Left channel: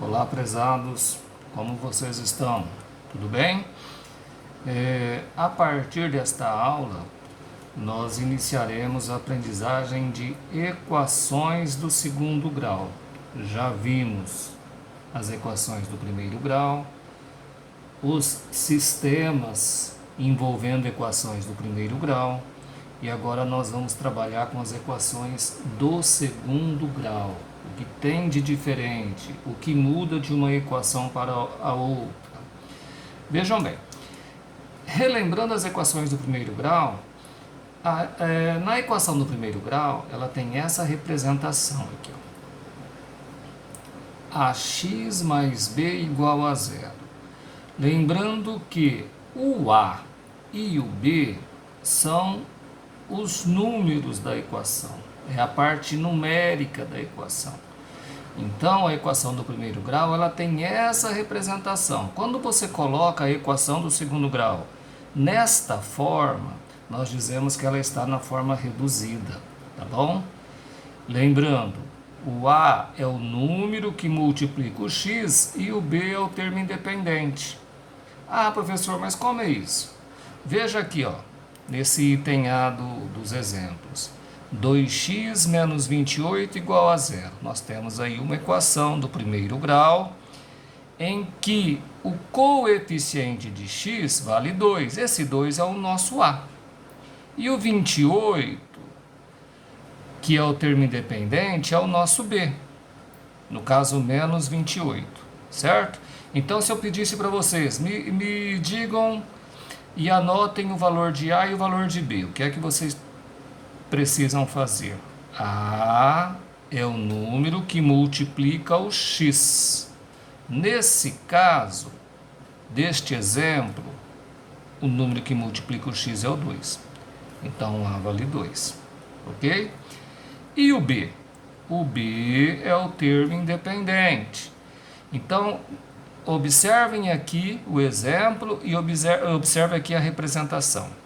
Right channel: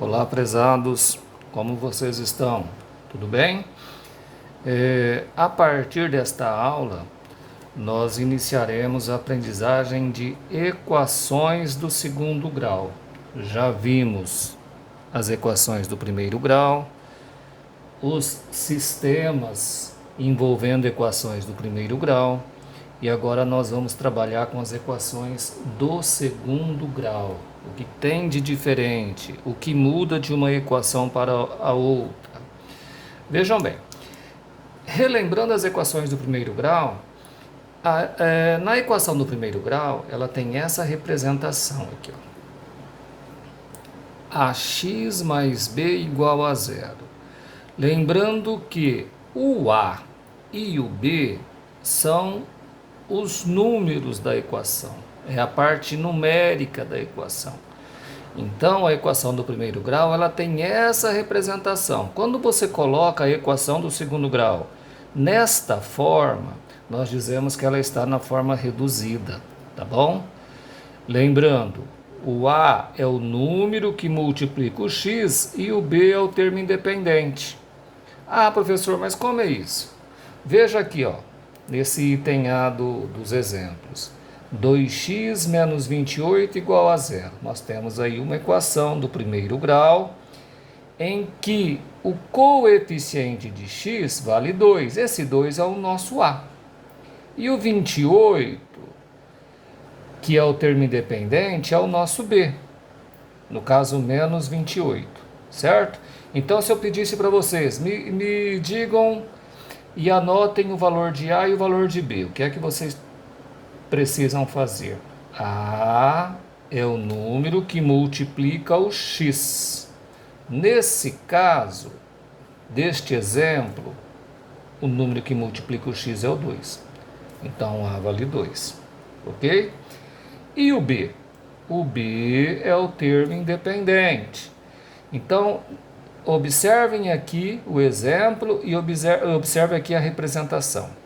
Olá, prezados, como vocês estão? Tudo bem? A partir desta aula, nós iniciaremos a aprendizagem de equações do segundo grau. Já vimos as equações do primeiro grau, os sistemas envolvendo equações do primeiro grau, e agora nós vamos trabalhar com as equações do segundo grau. O que tem de diferente, o que muda de uma equação para a outra. Vejam bem, relembrando as equações do primeiro grau, na equação do primeiro grau, ela tem essa representação aqui, ó. Ax mais b igual a zero. Lembrando que o a e o b são os números da equação, é a parte numérica da equação. Então, a equação do primeiro grau, ela tem essa representação. Quando você coloca a equação do segundo grau nesta forma, nós dizemos que ela está na forma reduzida, tá bom? Lembrando, o a é o número que multiplica o x e o b é o termo independente. Ah, professor, mas como é isso? Veja aqui, ó, nesse item A dos exemplos. 2x menos 28 igual a zero. Nós temos aí uma equação do primeiro grau em que o coeficiente de x vale 2. Esse 2 é o nosso A. E o 28, que é o termo independente, é o nosso B. No caso, menos 28, certo? Então, se eu pedisse para vocês, me digam e anotem o valor de A e o valor de B, o que é que vocês precisam fazer? A é o número que multiplica o x. Nesse caso, deste exemplo, o número que multiplica o x é o 2. Então, A vale 2. Ok? E o B? O B é o termo independente. Então, observem aqui o exemplo e observe aqui a representação.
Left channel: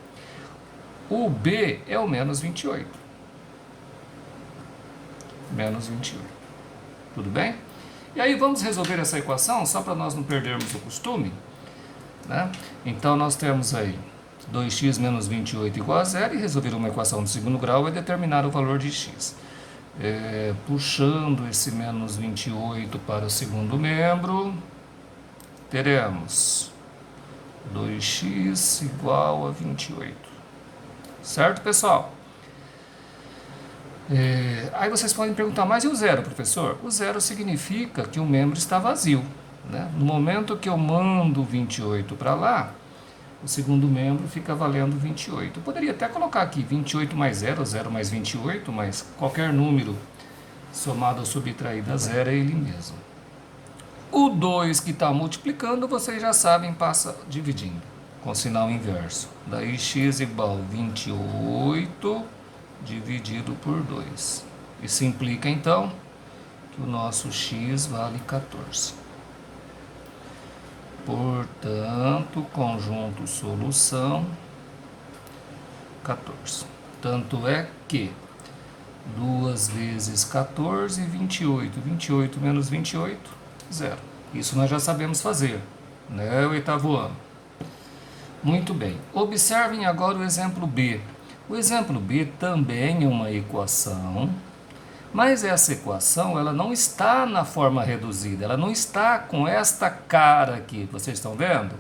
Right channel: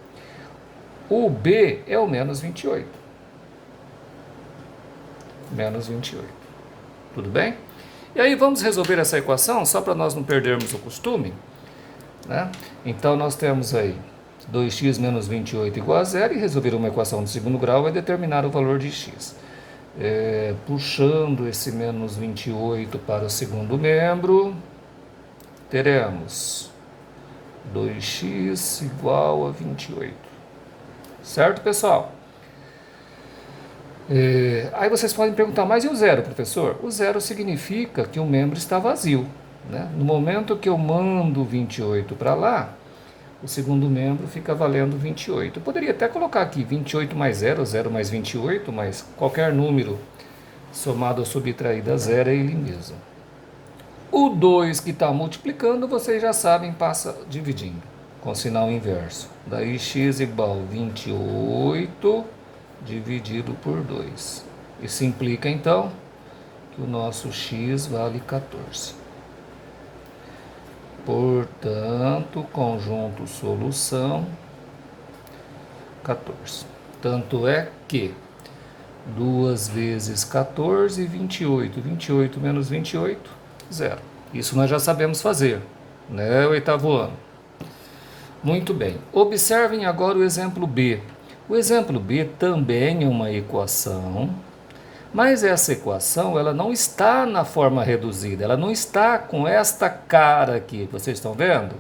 O B é o menos 28. Menos 28. Tudo bem? E aí vamos resolver essa equação, só para nós não perdermos o costume, né? Então nós temos aí 2x menos 28 igual a zero, e resolver uma equação de segundo grau é determinar o valor de x. Puxando esse menos 28 para o segundo membro, teremos 2x igual a 28. Certo, pessoal? Aí vocês podem perguntar, mas e o zero, professor? O zero significa que o membro está vazio, né? No momento que eu mando 28 para lá, o segundo membro fica valendo 28. Eu poderia até colocar aqui 28 mais 0, 0 mais 28, mas qualquer número somado ou subtraído a zero é ele mesmo. O 2 que está multiplicando, vocês já sabem, passa dividindo, com sinal inverso. Daí x igual a 28 dividido por 2. Isso implica, então, que o nosso x vale 14. Portanto, conjunto solução, 14. Tanto é que 2 vezes 14, 28. 28 menos 28, 0. Isso nós já sabemos fazer, né, oitavo ano? Muito bem. Observem agora o exemplo B. O exemplo B também é uma equação, mas essa equação ela não está na forma reduzida, ela não está com esta cara aqui, vocês estão vendo?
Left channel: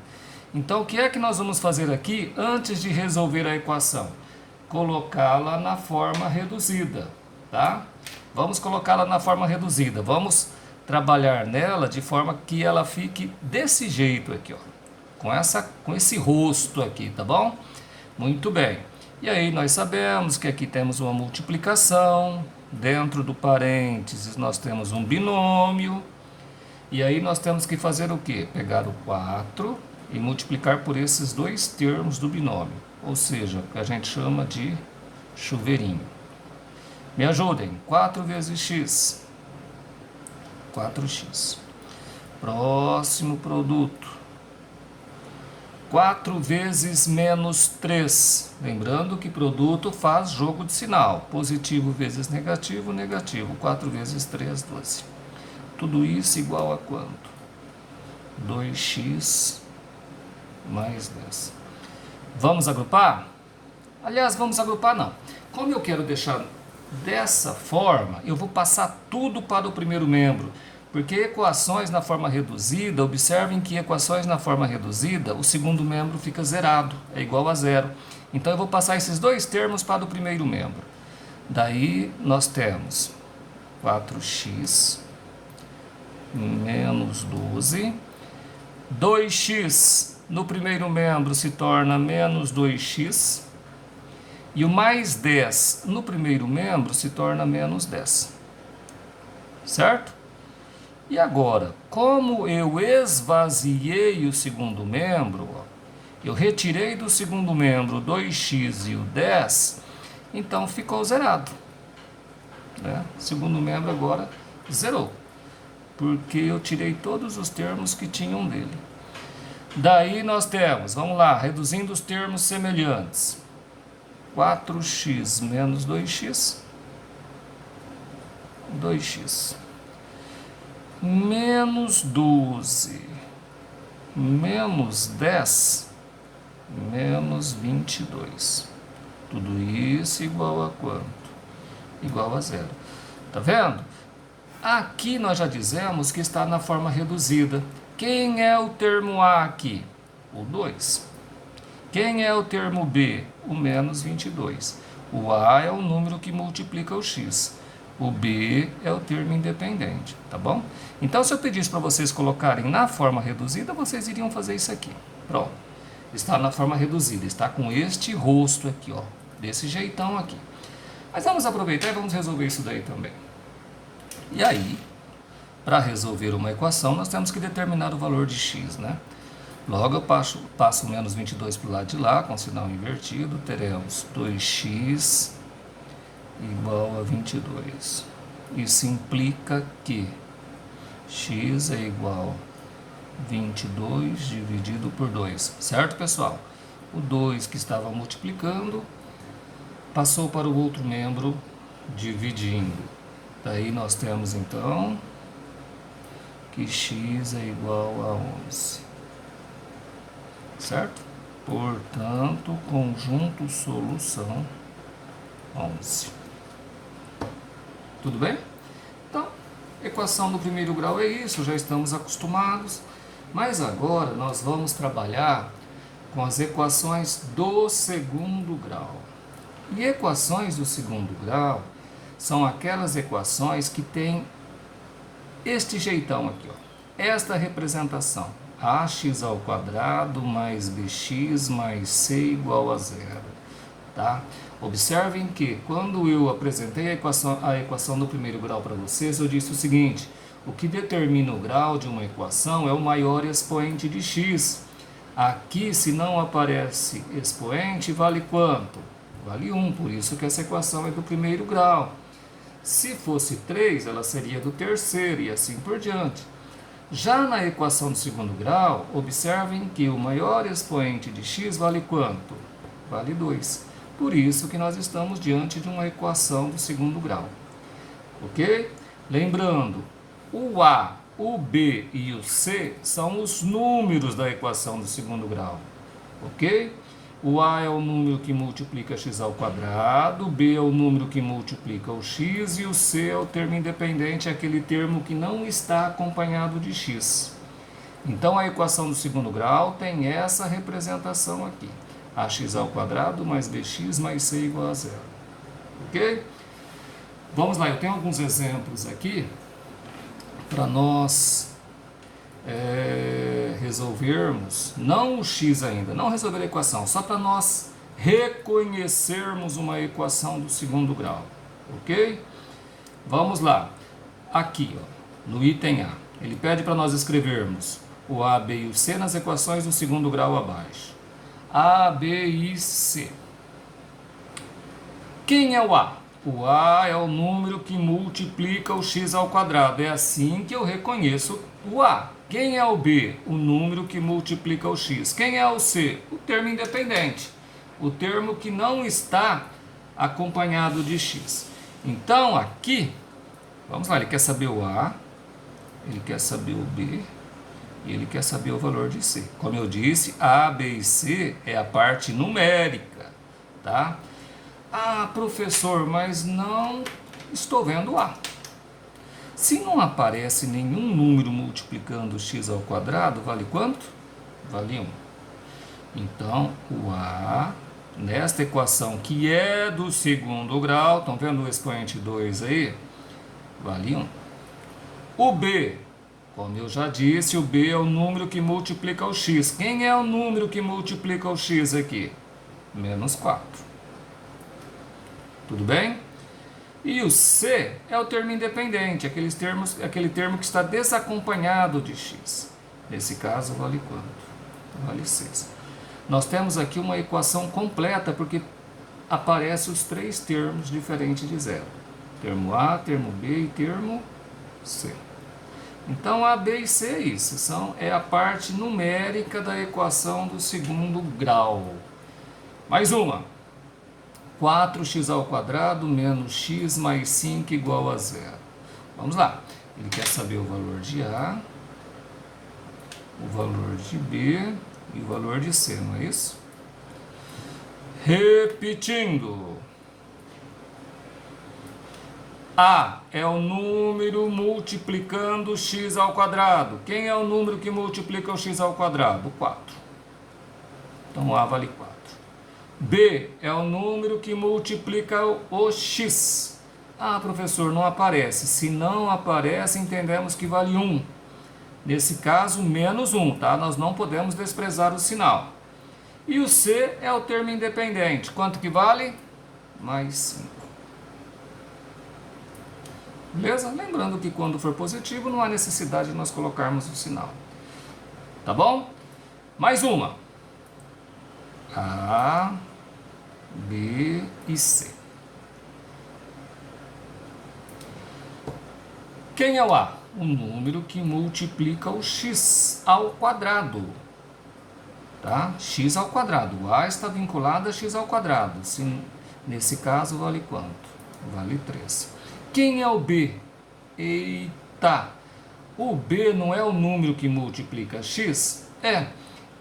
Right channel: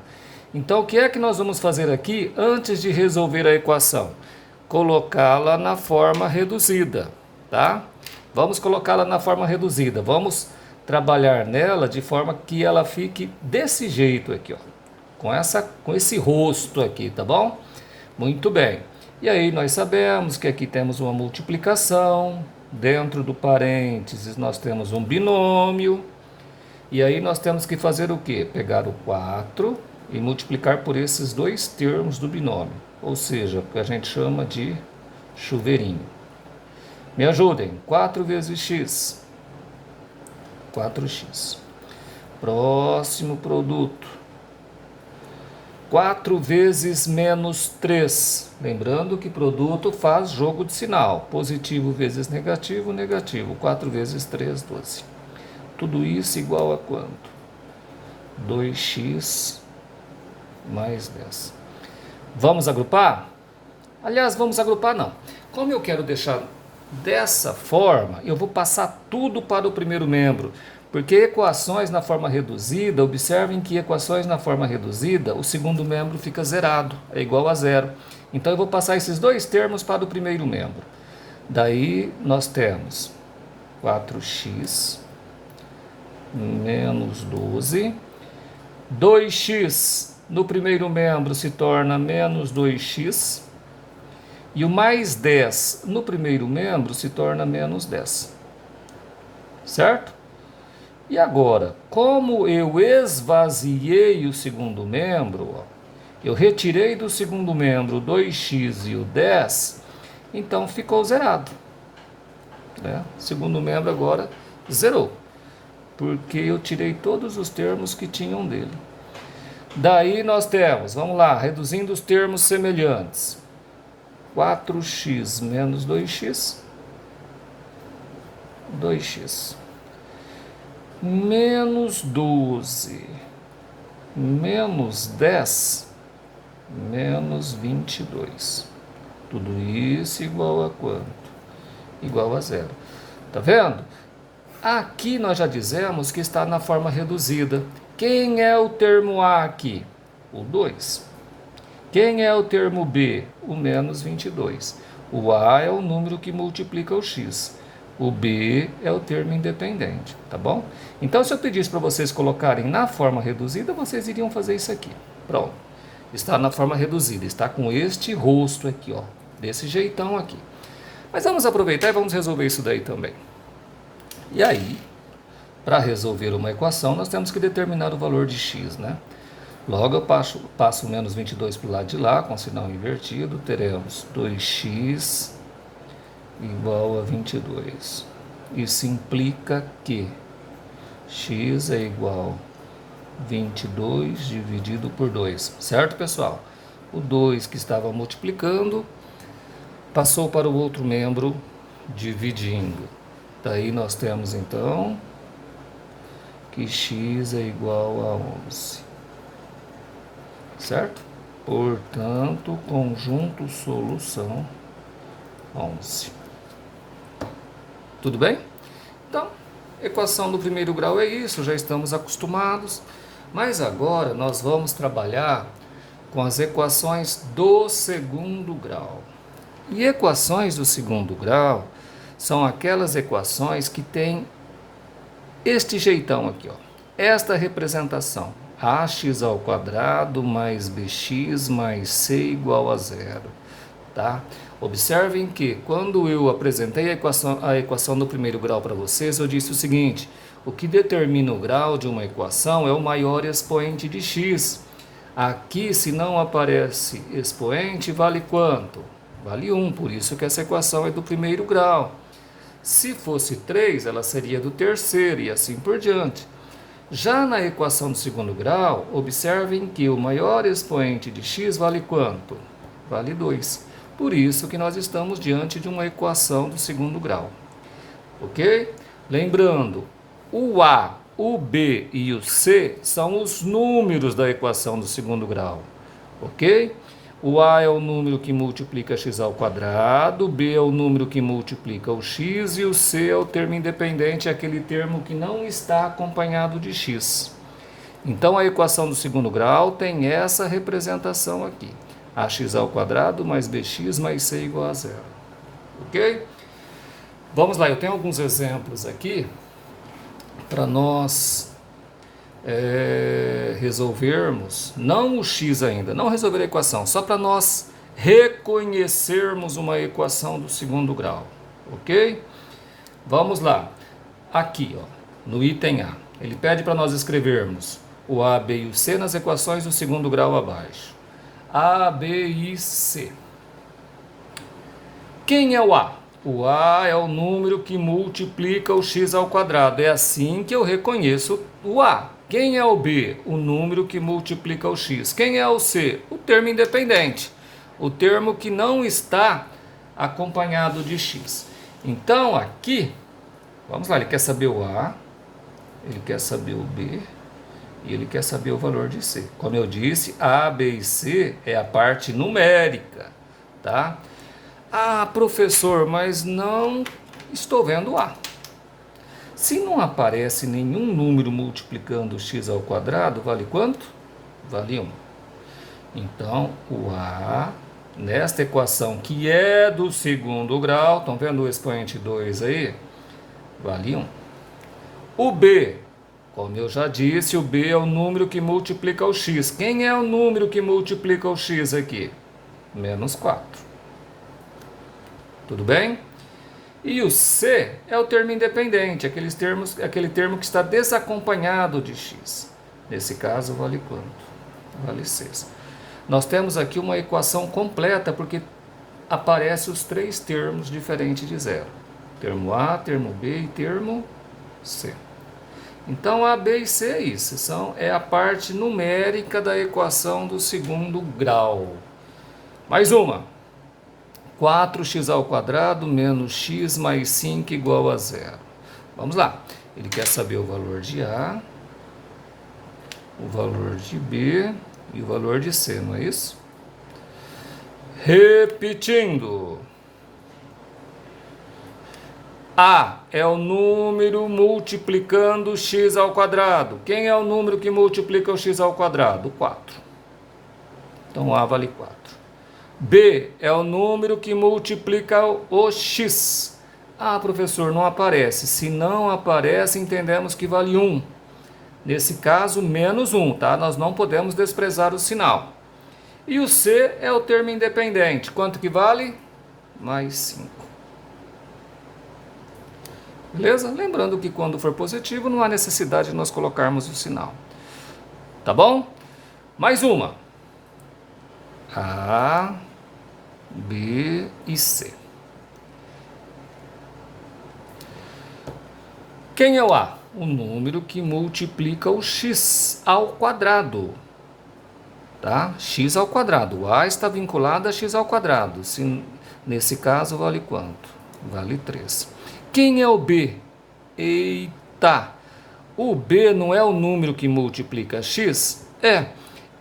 Então, o que é que nós vamos fazer aqui antes de resolver a equação? Colocá-la na forma reduzida, tá? Vamos colocá-la na forma reduzida, vamos trabalhar nela de forma que ela fique desse jeito aqui, ó, com esse rosto aqui, tá bom? Muito bem. E aí nós sabemos que aqui temos uma multiplicação, dentro do parênteses nós temos um binômio, e aí nós temos que fazer o quê? Pegar o 4 e multiplicar por esses dois termos do binômio, ou seja, o que a gente chama de chuveirinho. Me ajudem, 4 vezes x, 4x. Próximo produto. 4 vezes menos 3. Lembrando que produto faz jogo de sinal. Positivo vezes negativo, negativo. 4 vezes 3, 12. Tudo isso igual a quanto? 2x mais 10. Vamos agrupar? Aliás, vamos agrupar não. Como eu quero deixar dessa forma, eu vou passar tudo para o primeiro membro. Porque equações na forma reduzida, observem que equações na forma reduzida, o segundo membro fica zerado, é igual a zero. Então eu vou passar esses dois termos para o primeiro membro. Daí nós temos 4x menos 12. 2x no primeiro membro se torna menos 2x. E o mais 10 no primeiro membro se torna menos 10. Certo? E agora, como eu esvaziei o segundo membro, eu retirei do segundo membro 2x e o 10, então ficou zerado. Né? O segundo membro agora zerou, porque eu tirei todos os termos que tinham dele. Daí nós temos, vamos lá, reduzindo os termos semelhantes. 4x menos 2x, 2x, menos 12, menos 10, menos 22. Tudo isso igual a quanto? Igual a zero. Tá vendo? Aqui nós já dizemos que está na forma reduzida. Quem é o termo A aqui? O 2. Quem é o termo B? O menos 22. O A é o número que multiplica o X. O B é o termo independente, tá bom? Então, se eu pedisse para vocês colocarem na forma reduzida, vocês iriam fazer isso aqui. Pronto. Está na forma reduzida, está com este rosto aqui, ó. Desse jeitão aqui. Mas vamos aproveitar e vamos resolver isso daí também. E aí, para resolver uma equação, nós temos que determinar o valor de x, né? Logo eu passo o menos 22 para o lado de lá, com sinal invertido, teremos 2x igual a 22. Isso implica que x é igual a 22 dividido por 2, certo, pessoal? O 2 que estava multiplicando passou para o outro membro dividindo. Daí nós temos então que x é igual a 11. Certo? Portanto, conjunto solução 11. Tudo bem? Então, equação do primeiro grau é isso, já estamos acostumados. Mas agora nós vamos trabalhar com as equações do segundo grau. E equações do segundo grau são aquelas equações que têm este jeitão aqui, ó. Esta representação. Ax ao quadrado mais bx mais c igual a zero. Tá? Observem que quando eu apresentei a equação do primeiro grau para vocês, eu disse o seguinte: o que determina o grau de uma equação é o maior expoente de x. Aqui, se não aparece expoente, vale quanto? Vale 1, por isso que essa equação é do primeiro grau. Se fosse 3, ela seria do terceiro e assim por diante. Já na equação do segundo grau, observem que o maior expoente de x vale quanto? Vale 2. Por isso que nós estamos diante de uma equação do segundo grau. Ok? Lembrando, o A, o B e o C são os números da equação do segundo grau. Ok? O A é o número que multiplica x ao quadrado, o B é o número que multiplica o x e o C é o termo independente, aquele termo que não está acompanhado de x. Então a equação do segundo grau tem essa representação aqui. Ax ao quadrado mais bx mais c igual a zero. Ok? Vamos lá, eu tenho alguns exemplos aqui para nós resolvermos, não o x ainda, não resolver a equação, só para nós reconhecermos uma equação do segundo grau, ok? Vamos lá, aqui, ó, no item A, ele pede para nós escrevermos o A, B e o C nas equações do segundo grau abaixo. A, B e C. Quem é o A? O A é o número que multiplica o x ao quadrado, é assim que eu reconheço o A. Quem é o B? O número que multiplica o x. Quem é o C? O termo independente. O termo que não está acompanhado de x. Então, aqui, vamos lá, ele quer saber o A, ele quer saber o B e ele quer saber o valor de C. Como eu disse, A, B e C é a parte numérica, tá? Ah, professor, mas não estou vendo A. Se não aparece nenhum número multiplicando x ao quadrado, vale quanto? Vale 1. Então, o A, nesta equação que é do segundo grau, estão vendo o expoente 2 aí? Vale 1. O B, como eu já disse, o B é o número que multiplica o x. Quem é o número que multiplica o x aqui? Menos 4. Tudo bem? E o C é o termo independente, aquele termo que está desacompanhado de x. Nesse caso, vale quanto? Vale 6. Nós temos aqui uma equação completa, porque aparecem os três termos diferentes de zero. Termo A, termo B e termo C. Então, A, B e C é isso. É a parte numérica da equação do segundo grau. Mais uma. 4x ao quadrado menos x mais 5 igual a 0. Vamos lá. Ele quer saber o valor de A, o valor de B e o valor de C, não é isso? Repetindo. A é o número multiplicando x ao quadrado. Quem é o número que multiplica o x ao quadrado? 4. Então, A vale 4. B é o número que multiplica o x. Ah, professor, não aparece. Se não aparece, entendemos que vale 1. Nesse caso, menos 1, tá? Nós não podemos desprezar o sinal. E o C é o termo independente. Quanto que vale? Mais 5. Beleza? Lembrando que quando for positivo, não há necessidade de nós colocarmos o sinal. Tá bom? Mais uma. A, B e C. Quem é o A? O número que multiplica o x ao quadrado. Tá? X ao quadrado. O A está vinculado a x ao quadrado. Nesse caso, vale quanto? Vale 3. Quem é o B? Eita! O B não é o número que multiplica x? É.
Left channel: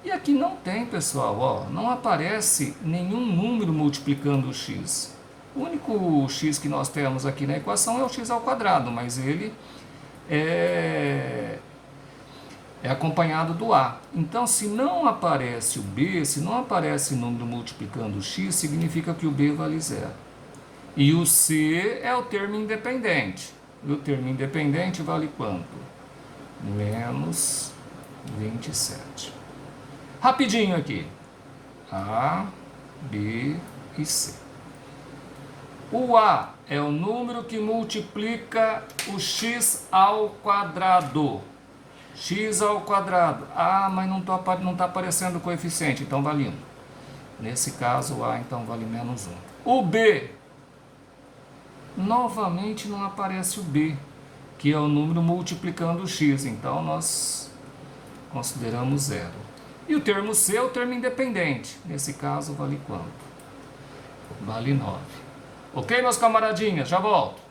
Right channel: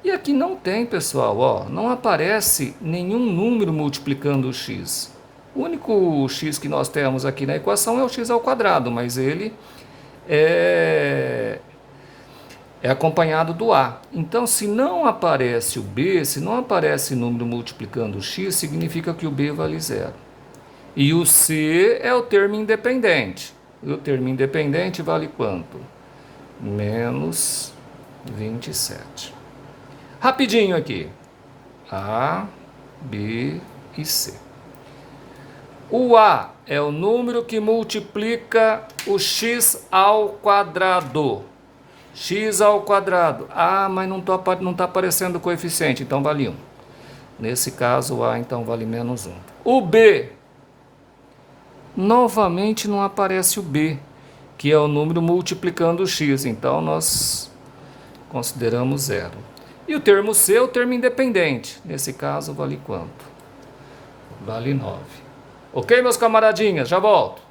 E aqui não tem, pessoal, ó, não aparece nenhum número multiplicando o x. O único x que nós temos aqui na equação é o x ao quadrado, mas ele é acompanhado do A. Então, se não aparece o B, se não aparece número multiplicando o x, significa que o B vale 0. E o C é o termo independente. E o termo independente vale quanto? Menos 27. Rapidinho aqui. A, B e C. O A é o número que multiplica o x ao quadrado. X ao quadrado. Ah, mas não está aparecendo o coeficiente, então vale 1. Nesse caso, o A então vale menos 1. O B. Novamente não aparece o B, que é o número multiplicando o x. Então, nós consideramos 0. E o termo C é o termo independente. Nesse caso, vale quanto? Vale 9. Ok, meus camaradinhas? Já volto.